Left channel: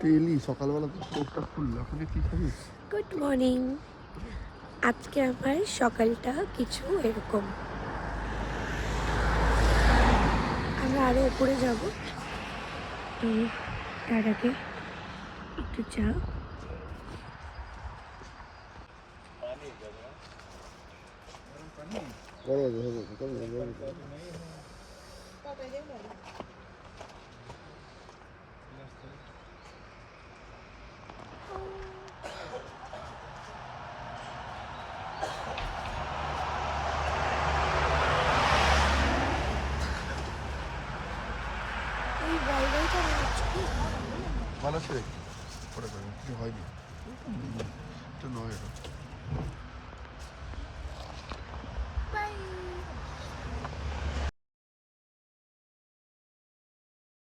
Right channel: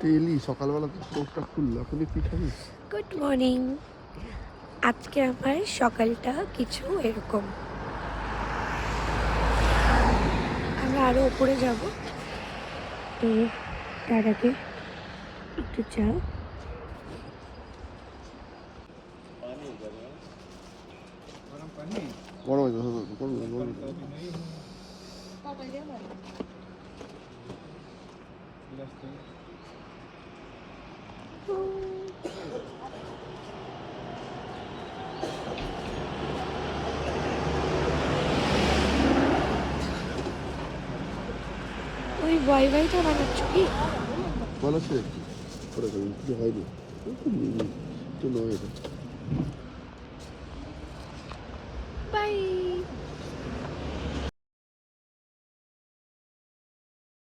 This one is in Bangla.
ডেইলি সকালবেলা তো চোখটা খুললো, এখন কি খাবি? Good morning. আজকে আমার সকালটা কিছু এরকম। আমরা আরো উপরে যাব, তো তার আগে একটু চা। গরম গরম। ওই ওয়াইফাইটা বানাচ্ছ কি? ভালো আছে, কিছু হয়নি, তো নয় এটা।